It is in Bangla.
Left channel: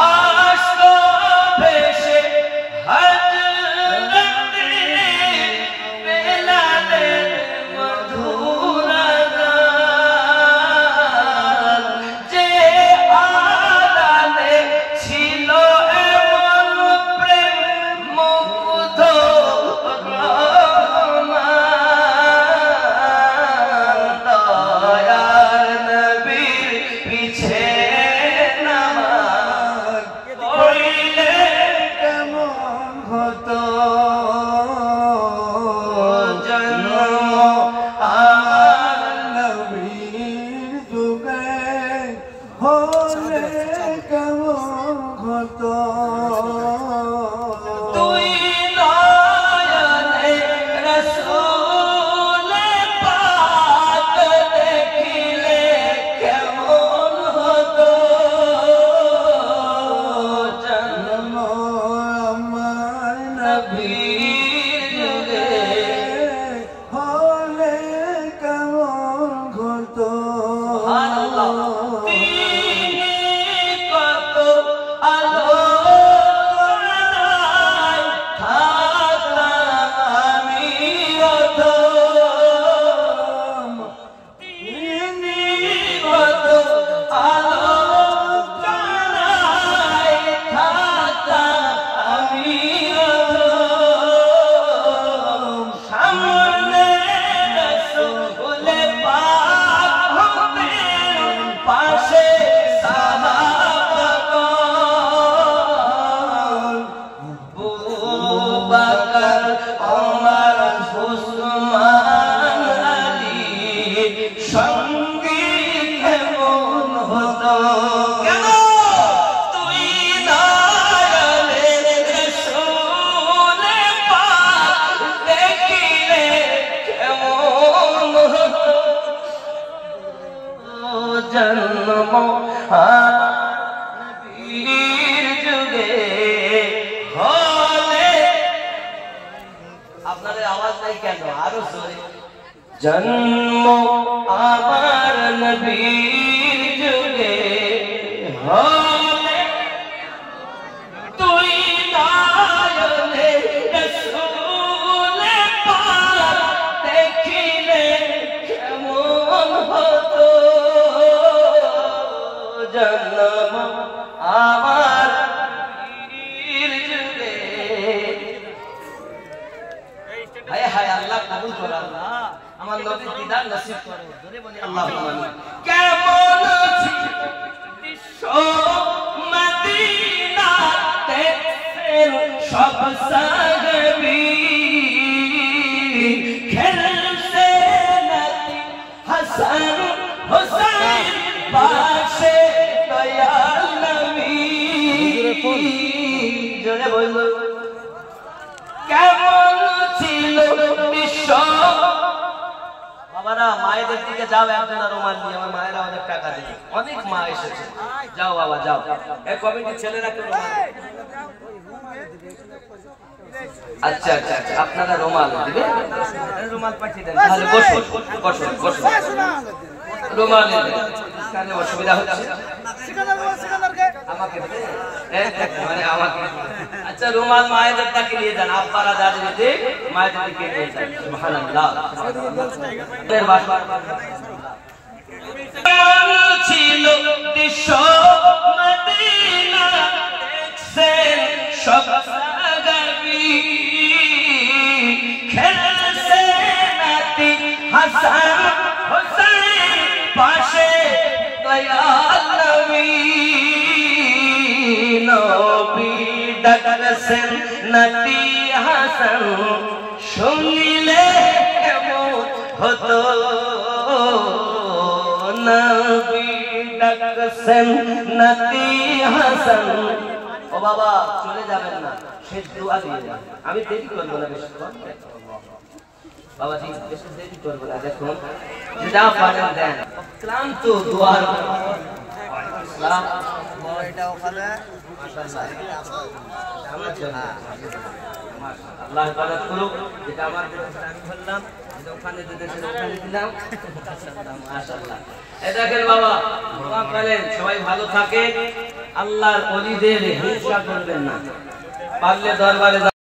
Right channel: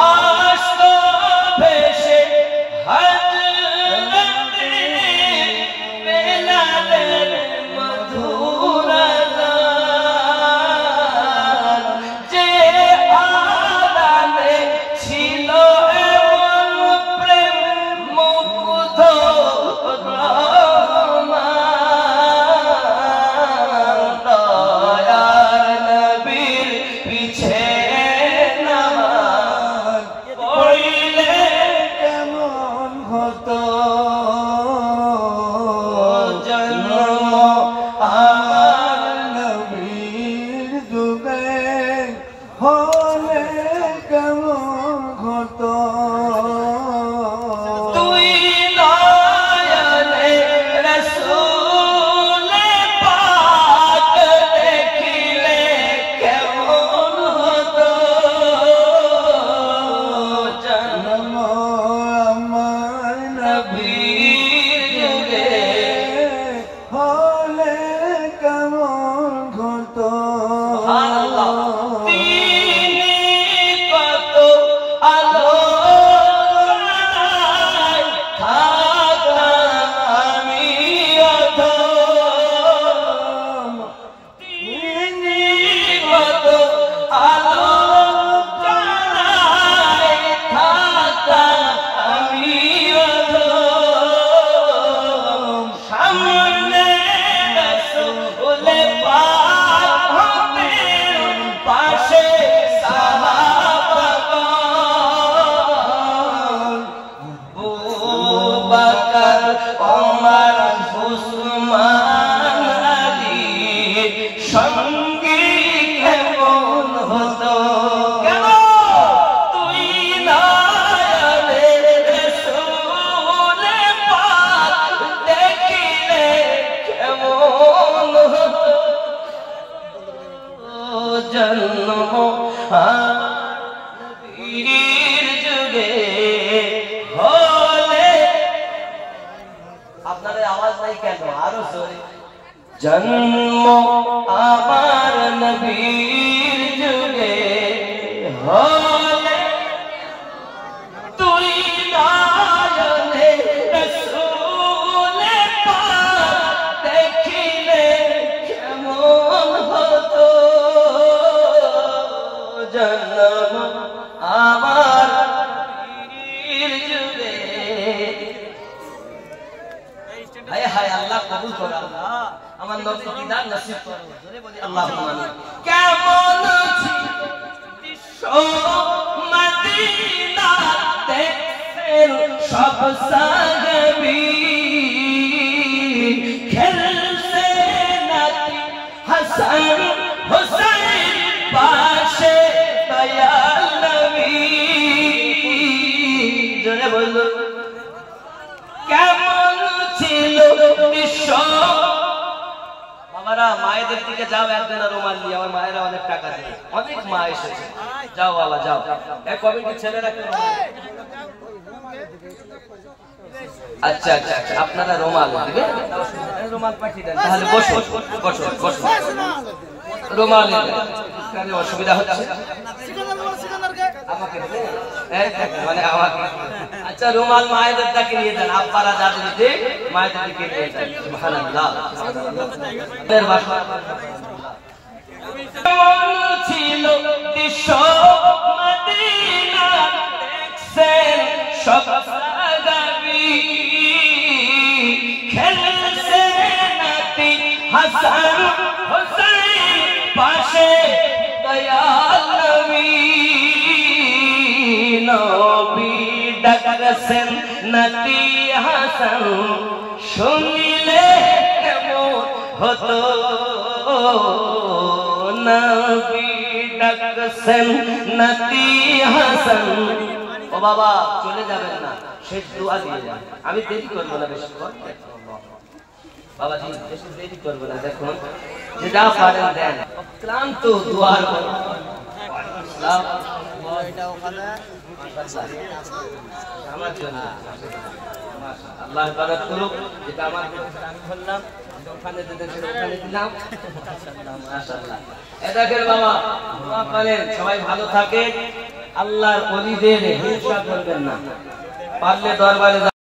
আসতো ভেসে হযরতে বেলালের মধুর গান, যে আড়ালে ছিল এমন প্রেম মুগ্ধ जन्म आबार नबीर जुगे होले तुई नायले रसूले पाक देखिले केमन हतो जन्म आबार नबीर जुगे हाय हाय अल्लाह कबूल करो আমার নবীর দিদার নসিব করো জোরে বলি আল্লাহুম্মা আমিন কেমন ছিল দৃশ্য মদিনা দেখছেন সব সাহাবী খেলছে নাতি হাসান হুসাইন পাশে দয়াল নবী জোরে বলো কেমন ছিল দৃশ্য মায়েদের দিকে যাও একজনের রুমাল নিয়ে আমার মায়েরা অনেক টাকা দেবে অনেক মা এসেছে যাও বাবা যাও এই কমিটির ছেলেরা কি রুমাল আচ্ছা আচ্ছা আচ্ছা আপনারা রুমাল দিবে রুমাল পাঠিয়ে দেন তাহলে বসো বসো বসো রুমাল কানে অসুবিধা হচ্ছে আমাকে মানে আমাকে আচ্ছা রুমাল মায়েদের দিকে নিয়ে যান আব্বারা দাদির দিকে মায়েদের দিকে নিয়ে যান সুবহানাল্লাহ এর ভাষা ছিল দৃশ্য মদিনা দেখছেন সব সাহাবী খেলছে নাতি হাসান হুসাইন পাশে দয়াল নবী নবী ডাকছেন নাতি হাসান শুনিলে কেমন হতো নবী ডাকছেন নাতি হাসান ও বাবা চলে যাবেন না শেষ দোয়া দিয়ে যান আমি দেরি করব না বেশি বাবা জি বেশি দেরি করব না দেখুন যে যা পারেন দেন অক্লান্ত দোয়ার ইসলাম এটা ওখানে আমার জন্য আল্লাহ ইবাদত করুক যেটা আমার দেশে আমি বললাম যেটা ওখানে দেশে ওখানে দিলাম মাশাআল্লাহ মাশাআল্লাহ এই দেখেন বাবা দোয়া করেন সবাই ভালো থাকেন আল্লাহর ওলিদের হিংসা করবেন না, পারলে দরবারে